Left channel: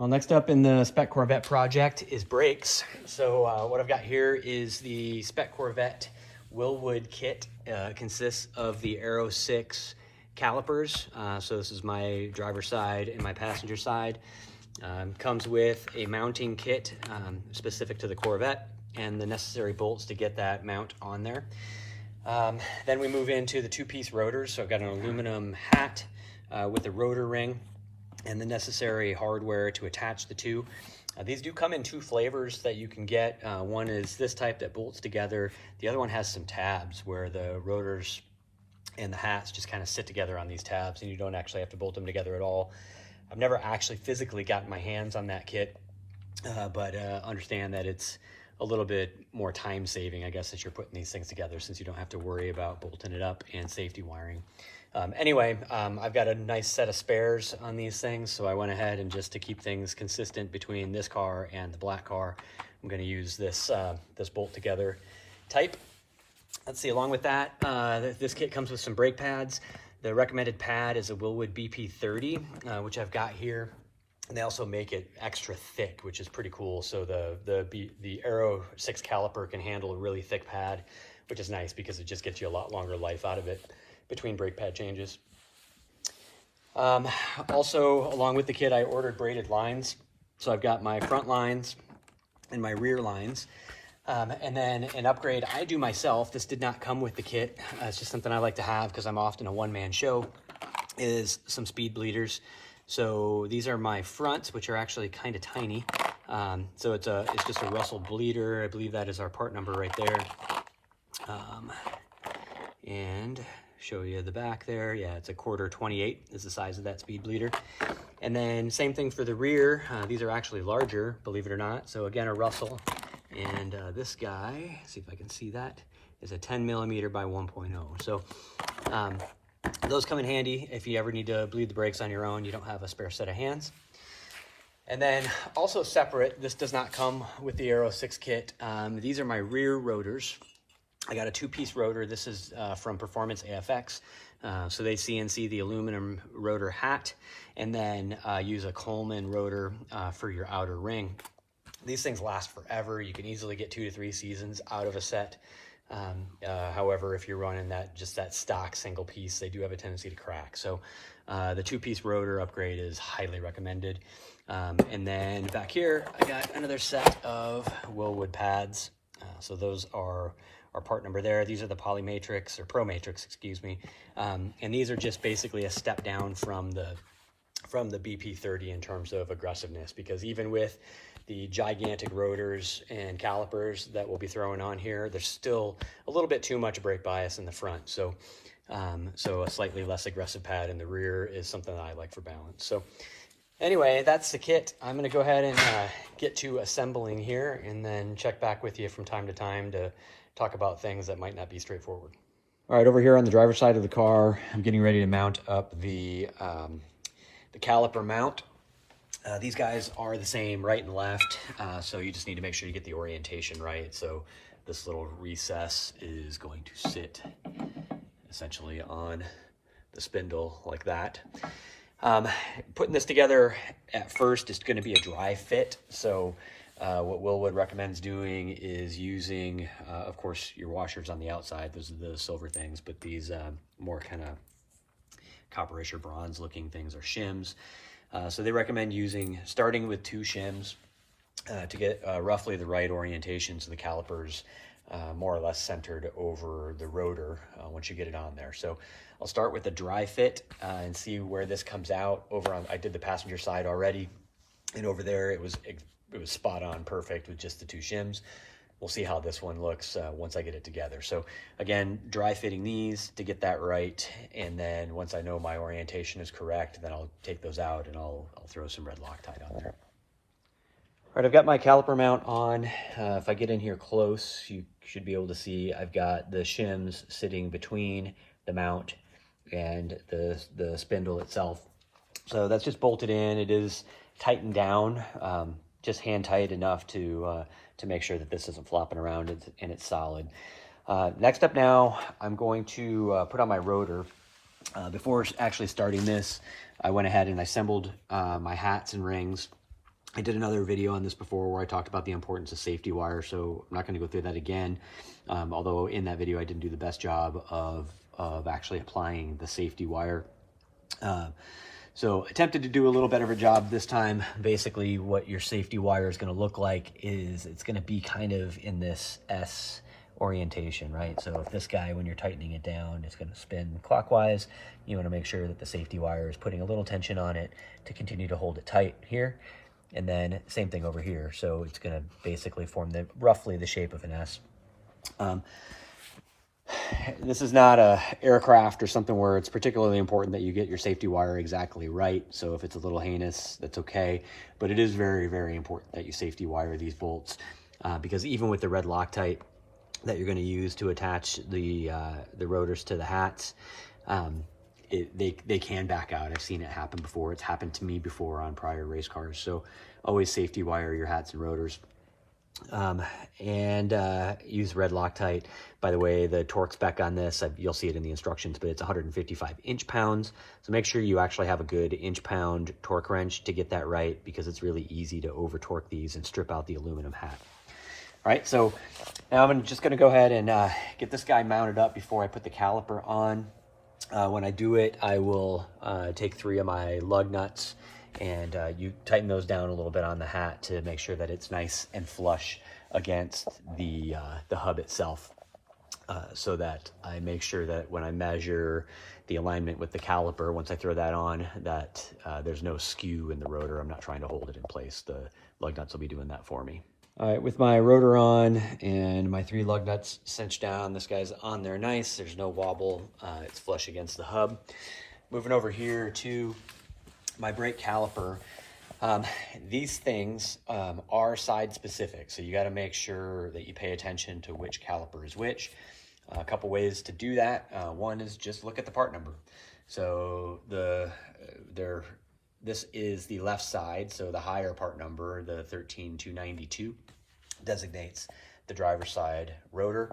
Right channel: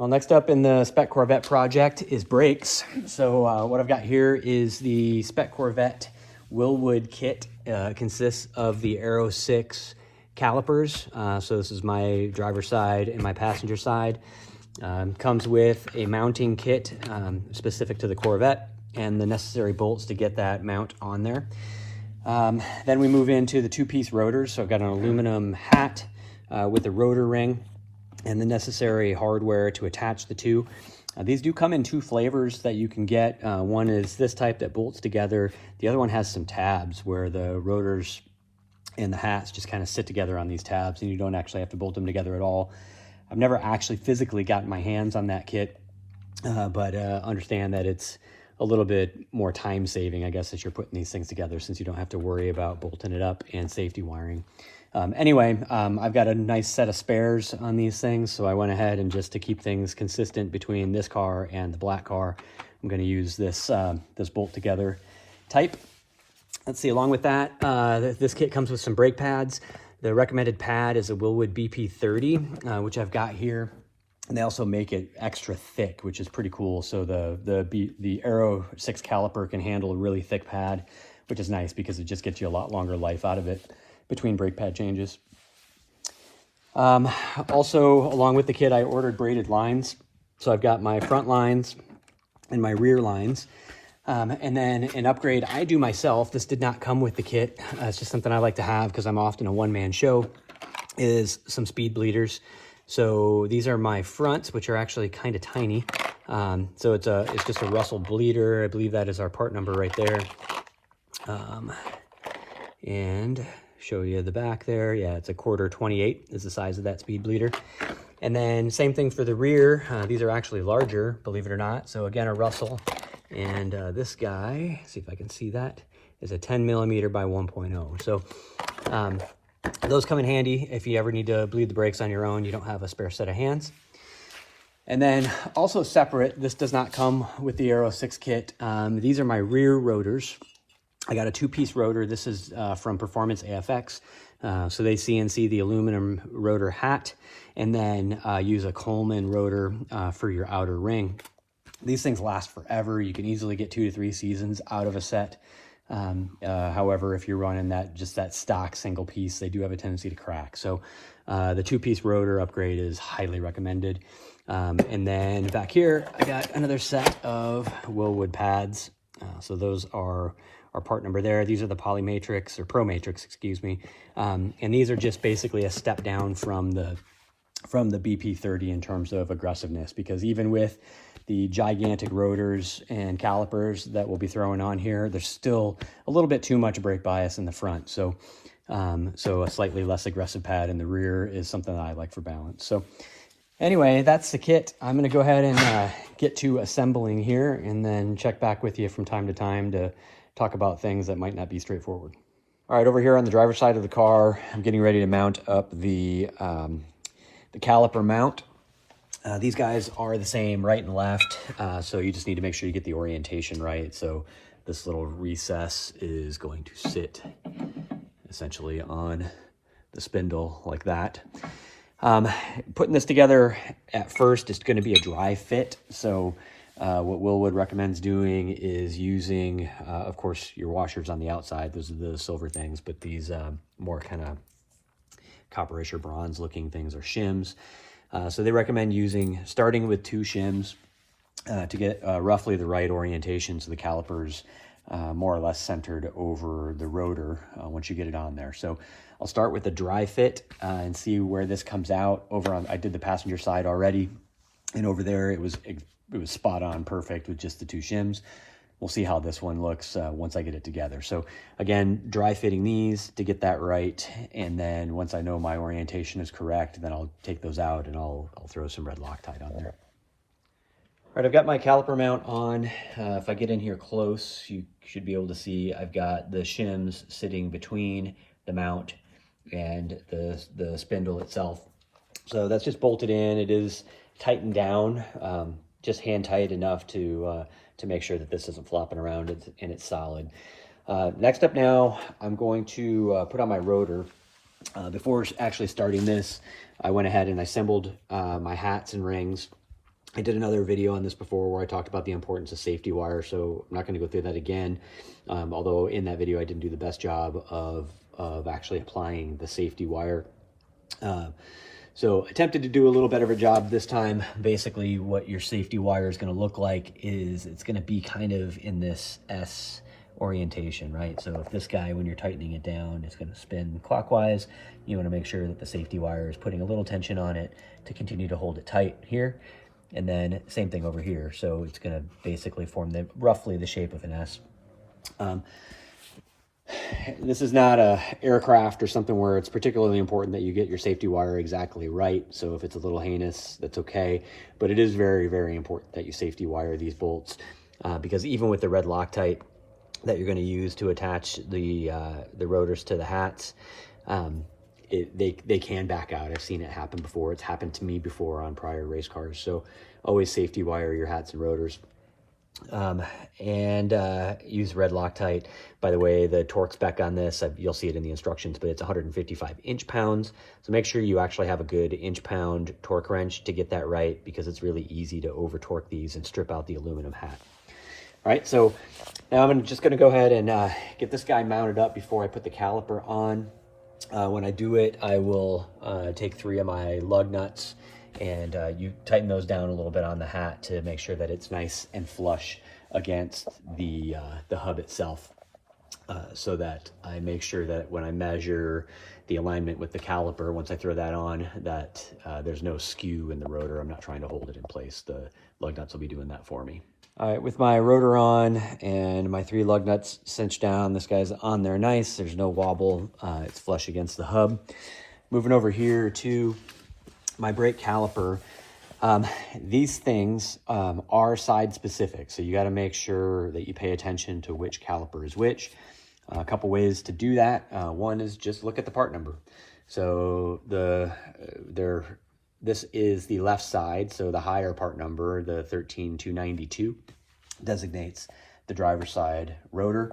Well, next up in the Spec Corvette project is brakes. So what I've got here is the Spec Corvette Wilwood kit. Consists of the Aero 6 calipers. So this is my driver's side and my passenger side. Comes with a mounting kit specific to the Corvette and the necessary bolts to get that mount on there. Then we move into the two-piece rotors. So I've got an aluminum hat with a rotor ring and the necessary hardware to attach the two. These do come in two flavors that you can get. One is this type that bolts together. The other one has some tabs where the rotors and the hats just kind of sit together on these tabs and you don't actually have to bolt them together at all. I've never actually physically gotten my hands on that kit, but understand that it's a little bit more time saving, I guess, as you're putting these things together, since you don't have to worry about bolting it up and safety wiring. Anyway, I've got a nice set of spares on these things, so I went ahead and just to keep things consistent between this car and the black car, I'm going to use this this bolt together type. Let's see, along with that, this kit comes with some brake pads. The recommended pad is a Wilwood BP30, which I've got here. And they also make it extra thick, which is pretty cool. So the Aero 6 caliper can handle a really thick pad, which is nice because it just gets you a lot longer life out of it between brake pad changes. Also, along with the kit, I ordered braided lines. So I've got my front lines and my rear lines. And then an upgrade I do myself, this did not come with the kit, it's just something I like to have because I'm often a one-man show, is some speed bleeders. So these are my fronts, which are actually kind of tiny. So it's just a Russell bleeder. I believe that is our part number right there. And show you the back there. Yeah, it's a quarter 28 is the size of that speed bleeder. And then same thing for the rear. These are actually larger, believe it or not. So again, a Russell. And this guy, see if I can see that, is a 10 millimeter by 1.0. So those come in handy if you ever need to bleed the brakes on your own. You don't have a spare set of hands. And then also separate, this does not come with the Aero 6 kit. These are my rear rotors. I got a two-piece rotor. This is from Performance AFX. So they CNC the aluminum rotor hat and then use a Coleman rotor for your outer ring. These things last forever. You can easily get 2 to 3 seasons out of a set. However, if you're running that stock single piece, they do have a tendency to crack. So the two-piece rotor upgrade is highly recommended. And then back here, I got another set of Wilwood pads. So those are our part number there. These are the Polymatrix or Pro Matrix, excuse me. And these are just basically a step down from the BP30 in terms of aggressiveness, because even with the gigantic rotors and calipers that we'll be throwing on here, there's still a little bit too much brake bias in the front. So, so a slightly less aggressive pad in the rear is something that I like for balance. So anyway, that's the kit. I'm going to go ahead and get to assembling here and then check back with you from time to time to talk about things that might not be straightforward. All right, over here on the driver's side of the car, I'm getting ready to mount up the caliper mount. These guys are the same right and left, so you just need to make sure you get the orientation right. So this little recess is going to sit essentially on the spindle like that. Putting this together at first, it's going to be a dry fit. So what Wilwood recommends doing is using, of course, your washers on the outside. Those are the silver things, but these more kind of copperish or bronze looking things are shims. So they recommend starting with 2 shims to get roughly the right orientation, so the calipers more or less centered over the rotor once you get it on there. So I'll start with a dry fit and see where this comes out. I did the passenger side already, and over there it was spot on perfect with just the 2 shims. We'll see how this one looks once I get it together. So again, dry fitting these to get that right. And then once I know my orientation is correct, then I'll take those out and I'll throw some red Loctite on there. All right, I've got my caliper mount on. If I get in here close, you should be able to see I've got the shims sitting between the mount and the spindle itself. So that's just bolted in. It is tightened down, just hand tight enough to make sure that this isn't flopping around and it's solid. Next up now, I'm going to put on my rotor. Before actually starting this, I went ahead and assembled my hats and rings I did another video on this before where I talked about the importance of safety wire, so I'm not going to go through that again. Although in that video I didn't do the best job of actually applying the safety wire. So attempted to do a little better of a job this time. Basically what your safety wire is going to look like is it's going to be kind of in this S orientation, right? So if this guy, when you're tightening it down, is going to spin clockwise, you want to make sure that the safety wire is putting a little tension on it to continue to hold it tight here. And then same thing over here. So it's going to basically form roughly the shape of an S. This is not a aircraft or something where it's particularly important that you get your safety wire exactly right. So if it's a little heinous, that's okay. But it is very, very important that you safety wire these bolts because even with the red Loctite that you're going to use to attach the rotors to the hats, they can back out. I've seen it happen before. It's happened to me before on prior race cars. So always safety wire your hats and rotors. Use red Loctite. By the way, the torque spec on this, you'll see it in the instructions, but it's 155 inch-pounds. So make sure you actually have a good inch-pound torque wrench to get that right, because it's really easy to over-torque these and strip out the aluminum hat. All right, so now I'm just going to go ahead and get this guy mounted up before I put the caliper on. When I do it, I will take 3 of my lug nuts and you tighten those down a little bit on the hat to make sure that it's nice and flush against the hub itself, so that I make sure that when I measure the alignment with the caliper, once I throw that on, that there's no skew in the rotor. I'm not trying to hold it in place. The lug nuts will be doing that for me. All right, with my rotor on and my 3 lug nuts cinched down, this guy's on there nice. There's no wobble. It's flush against the hub. Moving over here to my brake caliper. These things are side specific, so you got to make sure that you pay attention to which caliper is which. A couple ways to do that. One is just look at the part number. So this is the left side, so the higher part number, the 13292, designates the driver's side rotor.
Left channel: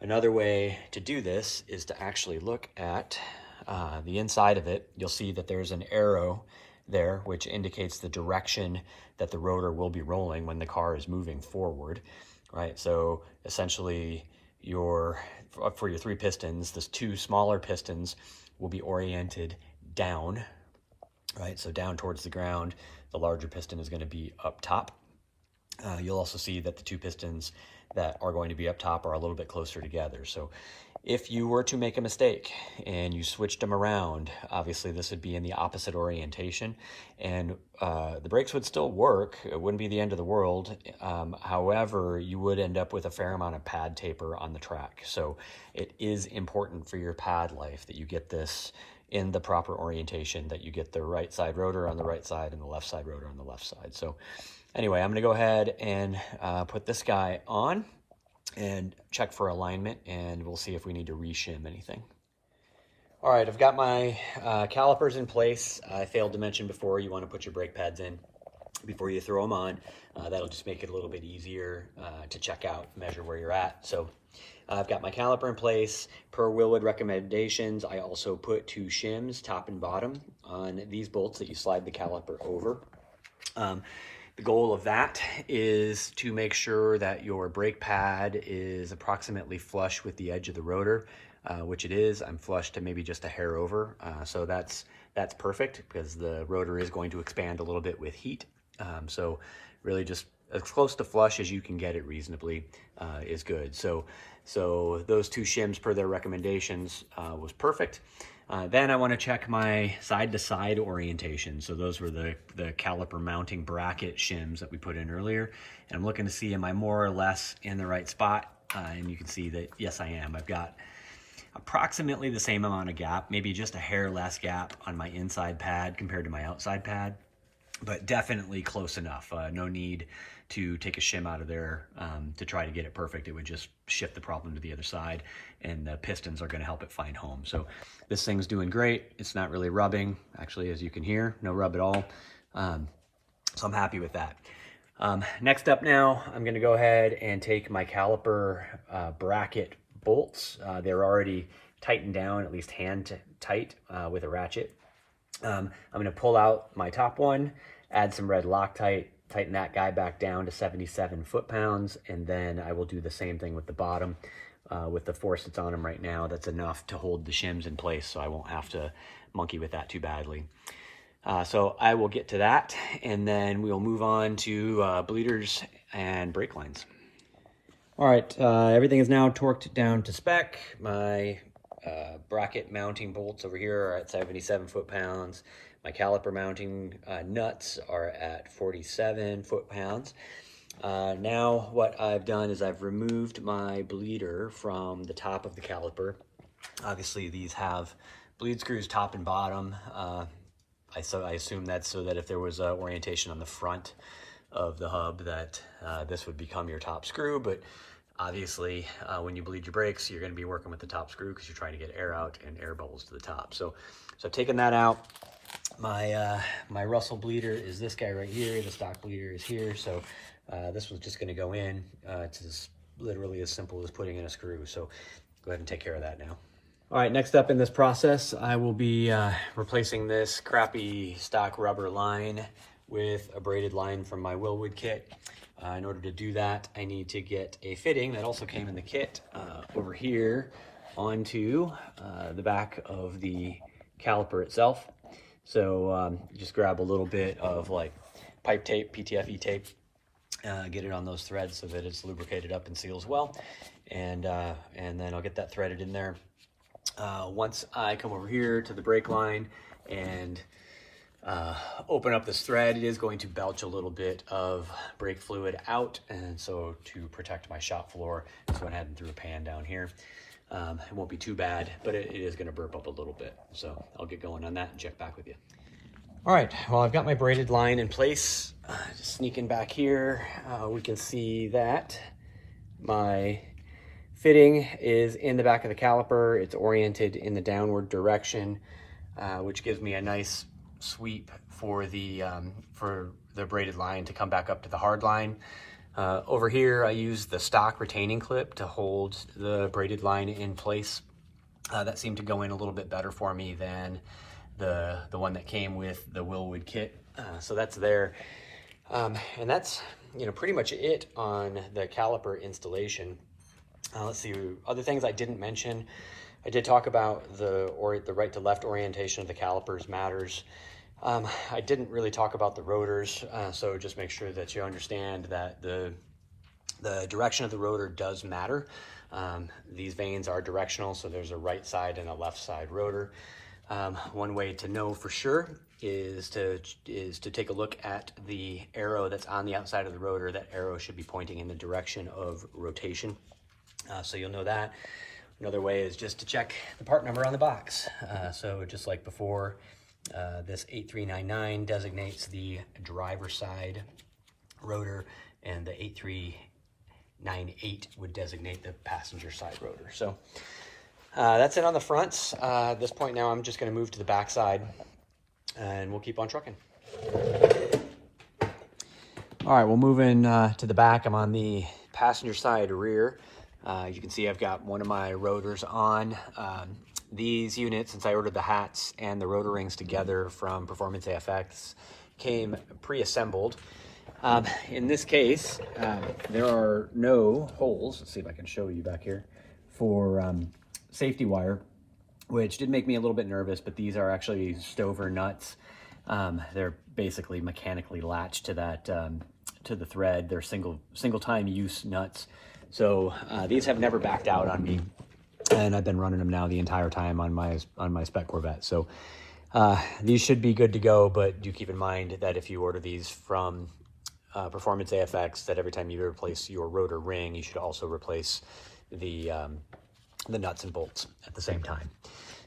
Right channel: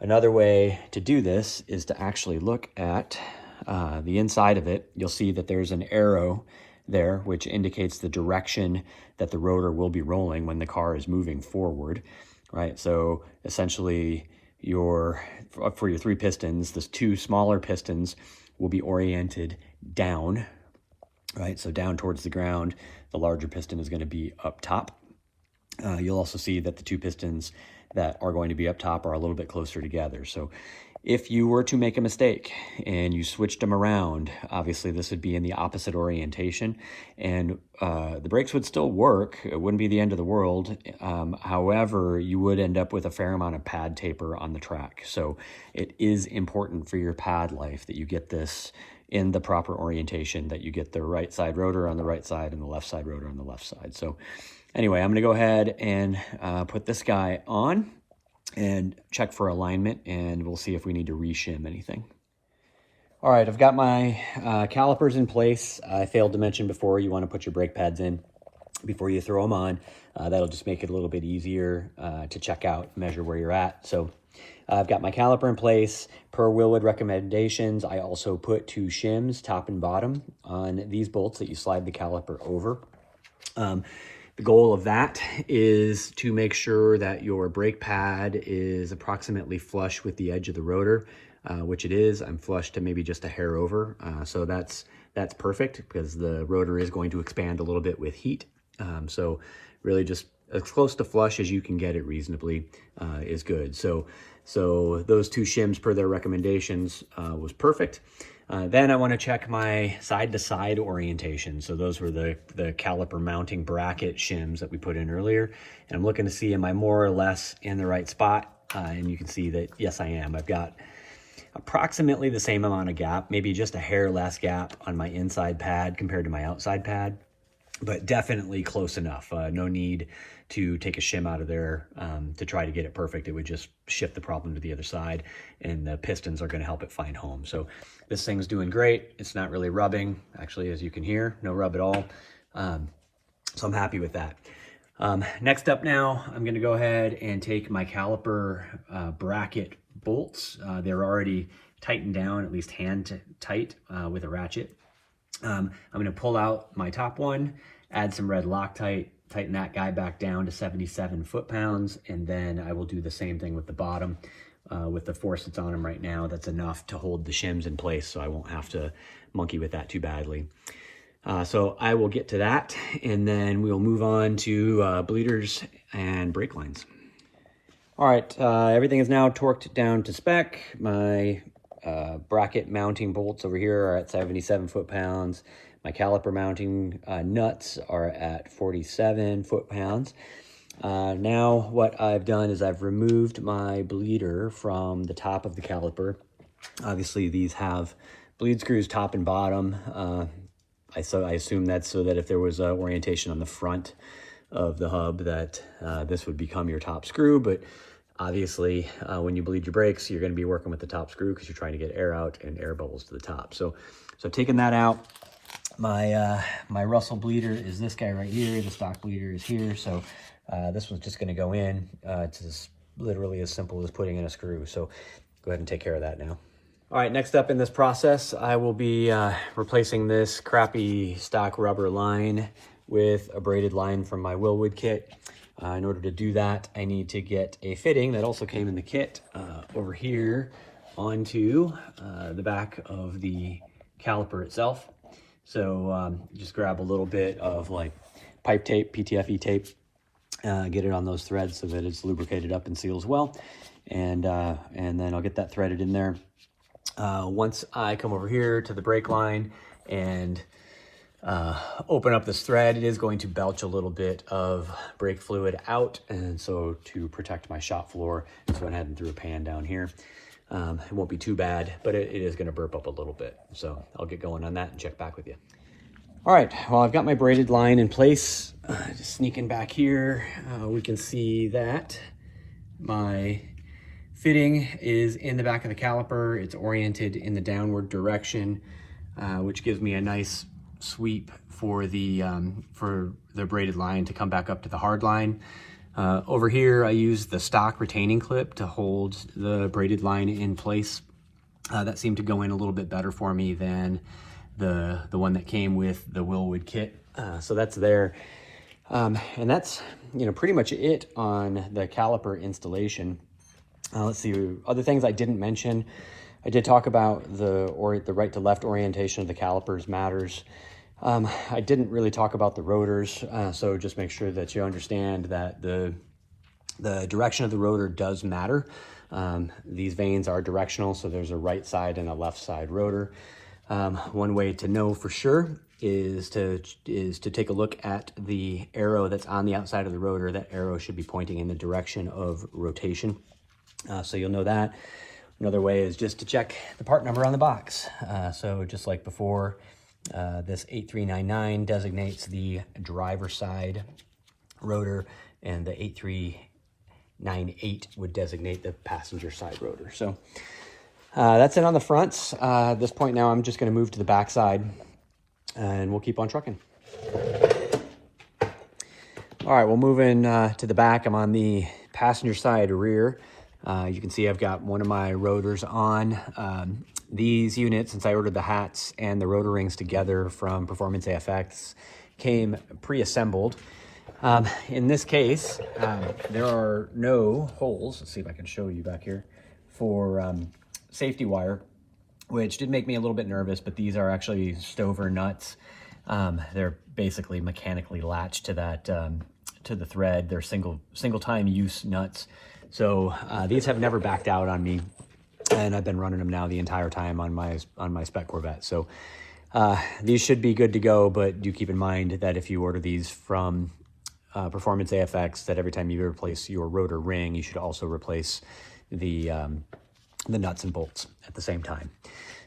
Another way to do this is to actually look at the inside of it. You'll see that there's an arrow there, which indicates the direction that the rotor will be rolling when the car is moving forward, right? So essentially for your 3 pistons, the 2 smaller pistons will be oriented down, right? So down towards the ground. The larger piston is going to be up top. You'll also see that the 2 pistons that are going to be up top are a little bit closer together. So if you were to make a mistake and you switched them around, obviously this would be in the opposite orientation, and the brakes would still work. It wouldn't be the end of the world. However, you would end up with a fair amount of pad taper on the track. So it is important for your pad life that you get this in the proper orientation, that you get the right side rotor on the right side and the left side rotor on the left side. So anyway, I'm going to go ahead and put this guy on and check for alignment, and we'll see if we need to reshim anything. All right, I've got my calipers in place. I failed to mention before, you want to put your brake pads in before you throw them on. That'll just make it a little bit easier to check out, measure where you're at. So I've got my caliper in place. Per Wilwood recommendations, I also put 2 shims, top and bottom, on these bolts that you slide the caliper over. The goal of that is to make sure that your brake pad is approximately flush with the edge of the rotor, which it is. I'm flush to maybe just a hair over. So that's perfect, because the rotor is going to expand a little bit with heat. So really just as close to flush as you can get it reasonably is good. So those 2 shims per their recommendations was perfect. Then I want to check my side-to-side orientation. So those were the caliper mounting bracket shims that we put in earlier. And I'm looking to see, am I more or less in the right spot? And you can see that, yes, I am. I've got approximately the same amount of gap, maybe just a hair less gap on my inside pad compared to my outside pad, but definitely close enough. No need to take a shim out of there to try to get it perfect. It would just shift the problem to the other side, and the pistons are going to help it find home. So this thing's doing great. It's not really rubbing, actually, as you can hear, no rub at all. So I'm happy with that. Next up now, I'm going to go ahead and take my caliper bracket bolts. They're already tightened down, at least hand tight with a ratchet. I'm going to pull out my top one, add some red Loctite tighten that guy back down to 77 foot-pounds, and then I will do the same thing with the bottom. With the force that's on them right now, that's enough to hold the shims in place, so I won't have to monkey with that too badly. So I will get to that, and then we'll move on to bleeders and brake lines. All right, everything is now torqued down to spec. My bracket mounting bolts over here are at 77 foot-pounds. My caliper mounting nuts are at 47 foot-pounds. Now what I've done is I've removed my bleeder from the top of the caliper. Obviously these have bleed screws top and bottom. I assume that's so that if there was orientation on the front of the hub that this would become your top screw, but obviously when you bleed your brakes, you're going to be working with the top screw because you're trying to get air out and air bubbles to the top. So taking that out, my Russell bleeder is this guy right here. The stock bleeder is here. So this was just going to go in. It's literally as simple as putting in a screw. So go ahead and take care of that now. All right, next up in this process, I will be replacing this crappy stock rubber line with a braided line from my Wilwood kit. In order to do that, I need to get a fitting that also came in the kit over here onto the back of the caliper itself. So just grab a little bit of like pipe tape, PTFE tape, get it on those threads so that it's lubricated up and seals well. And then I'll get that threaded in there. Once I come over here to the brake line and open up this thread, it is going to belch a little bit of brake fluid out, and so to protect my shop floor, I just went ahead and threw a pan down here. It won't be too bad, but it is going to burp up a little bit, so I'll get going on that and check back with you. All right, well, I've got my braided line in place. Just sneaking back here, we can see that my fitting is in the back of the caliper. It's oriented in the downward direction, which gives me a nice sweep for the braided line to come back up to the hard line. Over here, I use the stock retaining clip to hold the braided line in place. That seemed to go in a little bit better for me than the one that came with the Wilwood kit. So that's there. And that's, pretty much it on the caliper installation. Let's see, other things I didn't mention. I did talk about the right to left orientation of the calipers matters. I didn't really talk about the rotors, so just make sure that you understand that the direction of the rotor does matter. These vanes are directional, so there's a right side and a left side rotor. One way to know for sure is to take a look at the arrow that's on the outside of the rotor. That arrow should be pointing in the direction of rotation. So you'll know that. Another way is just to check the part number on the box. So just like before, this 8399 designates the driver side rotor, and the 8398 would designate the passenger side rotor. So that's it on the fronts. At this point now, I'm just going to move to the back side, and we'll keep on trucking. All right, we'll move in to the back. I'm on the passenger side rear. You can see I've got one of my rotors on. These units, since I ordered the hats and the rotor rings together from Performance AFX, came pre-assembled. In this case, there are no holes. Let's see if I can show you back here for safety wire, which did make me a little bit nervous, but these are actually Stover nuts. They're basically mechanically latched to that to the thread. They're single time use nuts. So these have never backed out on me, and I've been running them now the entire time on my Spec Corvette. So these should be good to go, but do keep in mind that if you order these from Performance AFX, that every time you replace your rotor ring, you should also replace the nuts and bolts at the same time.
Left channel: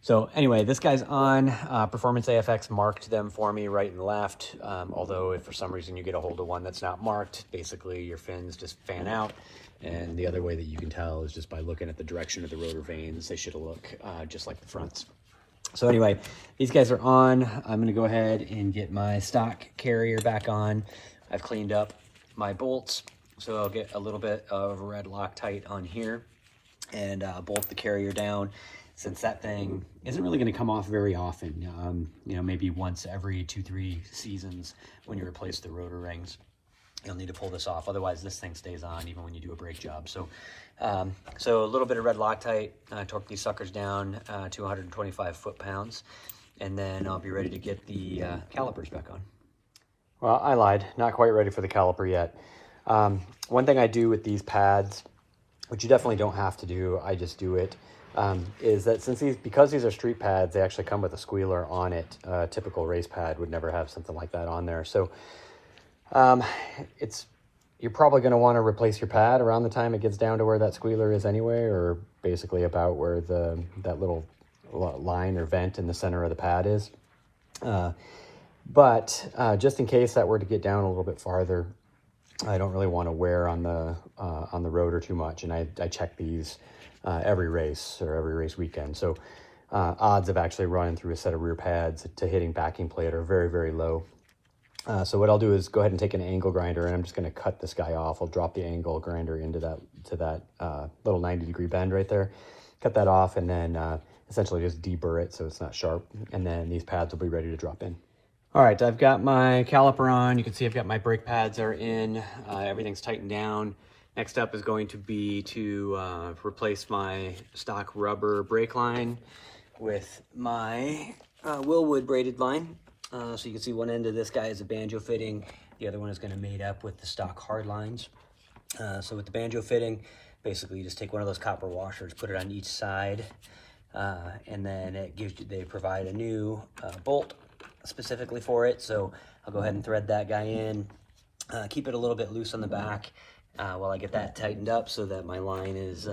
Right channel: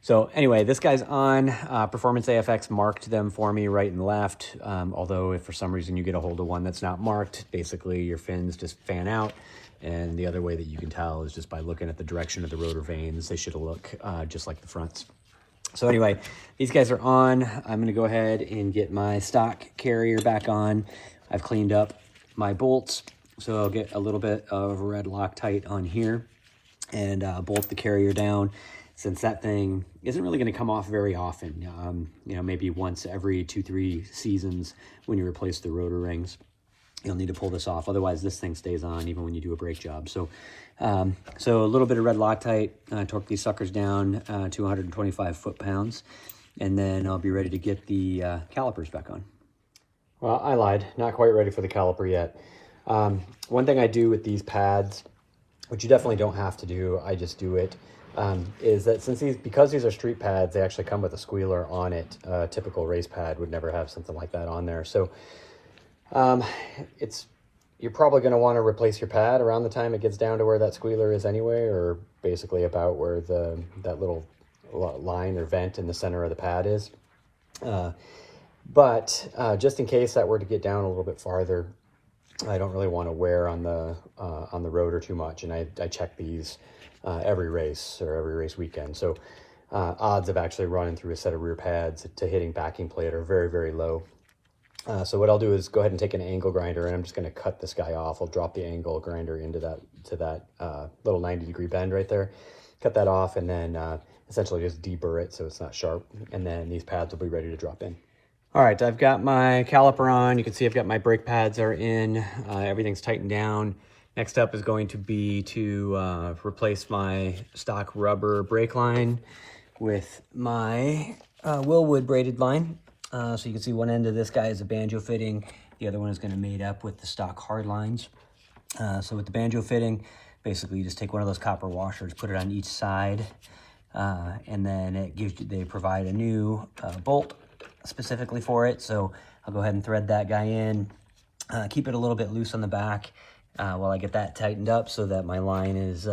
So anyway, this guy's on. Performance AFX marked them for me right and left. Although if for some reason you get a hold of one that's not marked, basically your fins just fan out. And the other way that you can tell is just by looking at the direction of the rotor vanes. They should look just like the fronts. So anyway, these guys are on. I'm going to go ahead and get my stock carrier back on. I've cleaned up my bolts, so I'll get a little bit of red Loctite on here and bolt the carrier down. Since that thing isn't really going to come off very often, maybe once every 2-3 seasons when you replace the rotor rings. you'll need to pull this off. Otherwise, this thing stays on even when you do a brake job. So, so a little bit of red Loctite, torque these suckers down to 125 foot-pounds, and then I'll be ready to get the calipers back on. Well, I lied. Not quite ready for the caliper yet. One thing I do with these pads, which you definitely don't have to do, I just do it, is that because these are street pads, they actually come with a squealer on it. A typical race pad would never have something like that on there. So you're probably going to want to replace your pad around the time it gets down to where that squealer is anyway, or basically about where that little line or vent in the center of the pad is. But just in case that were to get down a little bit farther, I don't really want to wear on the rotor too much, and I check these every race or every race weekend. So odds of actually running through a set of rear pads to hitting backing plate are very, very low. So what I'll do is go ahead and take an angle grinder, and I'm just going to cut this guy off. I'll drop the angle grinder into that little 90-degree bend right there, cut that off, and then essentially just deburr it so it's not sharp, and then these pads will be ready to drop in. All right, I've got my caliper on. You can see I've got my brake pads are in. Everything's tightened down. Next up is going to be to replace my stock rubber brake line with my Wilwood braided line. So you can see one end of this guy is a banjo fitting. The other one is going to made up with the stock hard lines. So with the banjo fitting, basically you just take one of those copper washers, put it on each side, and then they provide a new bolt specifically for it. So I'll go ahead and thread that guy in, keep it a little bit loose on the back while I get that tightened up so that my line is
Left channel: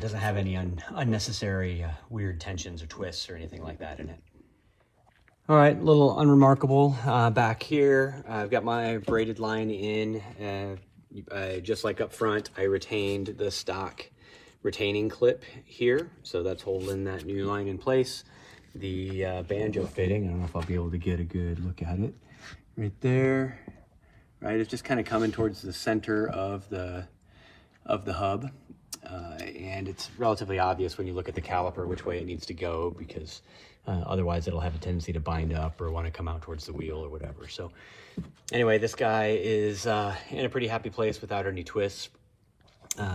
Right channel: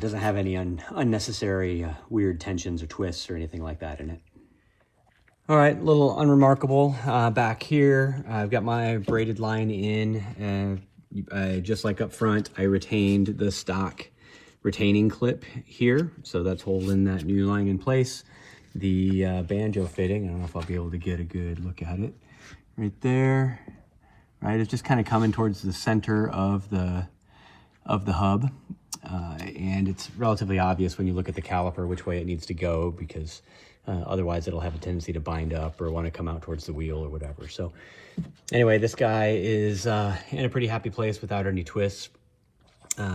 doesn't have any unnecessary weird tensions or twists or anything like that in it. All right, a little unremarkable back here. I've got my braided line in, and just like up front, I retained the stock retaining clip here. So that's holding that new line in place. The banjo fitting, I don't know if I'll be able to get a good look at it, right there, right? It's just kind of coming towards the center of the hub. And it's relatively obvious when you look at the caliper which way it needs to go, because otherwise it'll have a tendency to bind up or want to come out towards the wheel or whatever. So anyway, this guy is in a pretty happy place without any twists.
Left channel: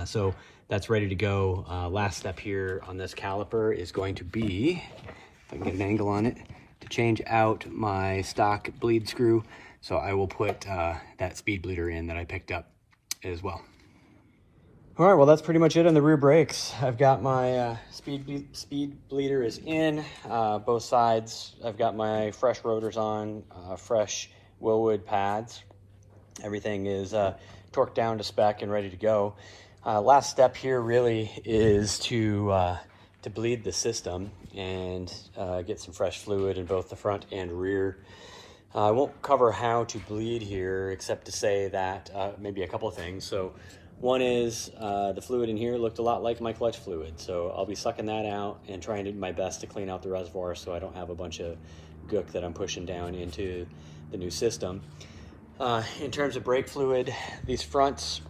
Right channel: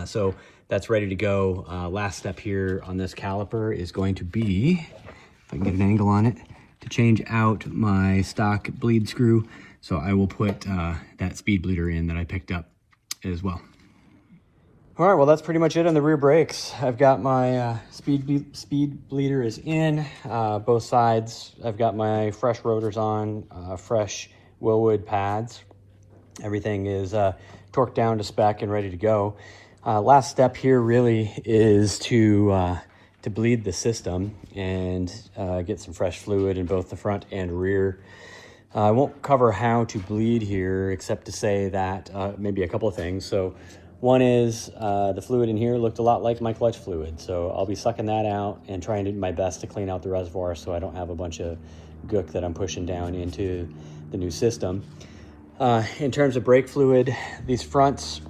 So that's ready to go. Last step here on this caliper is going to be, if I can get an angle on it, to change out my stock bleed screw. So I will put that speed bleeder in that I picked up as well. All right, well, that's pretty much it on the rear brakes. I've got my speed bleeder is in both sides. I've got my fresh rotors on, fresh Wilwood pads. Everything is torqued down to spec and ready to go. Last step here really is to bleed the system and get some fresh fluid in both the front and rear. I won't cover how to bleed here, except to say that maybe a couple of things. So one is the fluid in here looked a lot like my clutch fluid. So I'll be sucking that out and trying to do my best to clean out the reservoir so I don't have a bunch of gook that I'm pushing down into the new system. In terms of brake fluid, these fronts,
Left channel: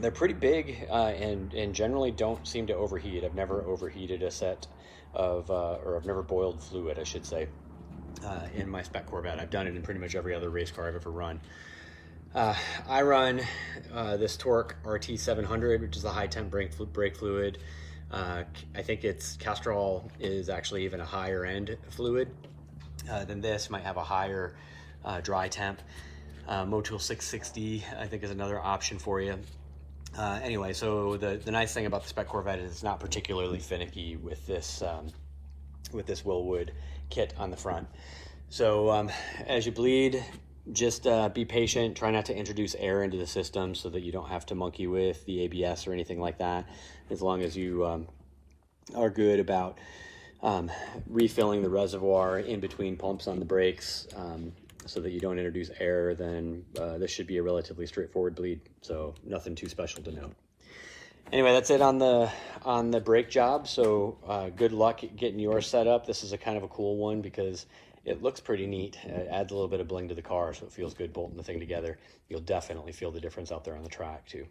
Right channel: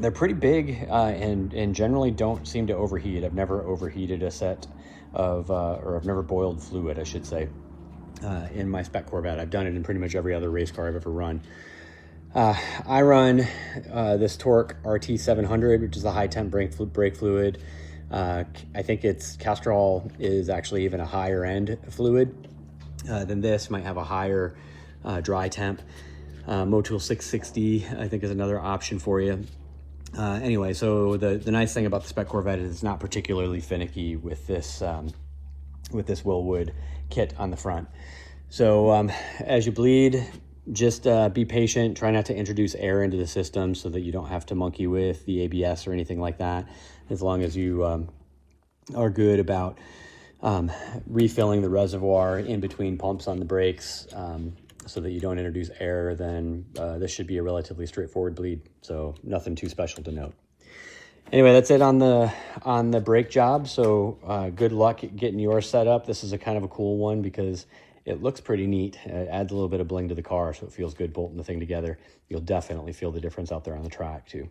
they're pretty big and generally don't seem to overheat. I've never overheated a set of, or I've never boiled fluid, I should say, in my Spec Corvette. I've done it in pretty much every other race car I've ever run. I run this Torque RT700, which is a high temp brake fluid. I think its Castrol is actually even a higher end fluid than this. Might have a higher dry temp. Motul 660, I think, is another option for you. Anyway, so the nice thing about the Spec Corvette is it's not particularly finicky with this Wilwood kit on the front. So as you bleed, just be patient. Try not to introduce air into the system so that you don't have to monkey with the ABS or anything like that. As long as you are good about refilling the reservoir in between pumps on the brakes so that you don't introduce air, then this should be a relatively straightforward bleed. So nothing too special to note. Anyway, that's it on the brake job. So good luck getting yours set up. This is a kind of a cool one because it looks pretty neat. It adds a little bit of bling to the car, so it feels good bolting the thing together. You'll definitely feel the difference out there on the track too.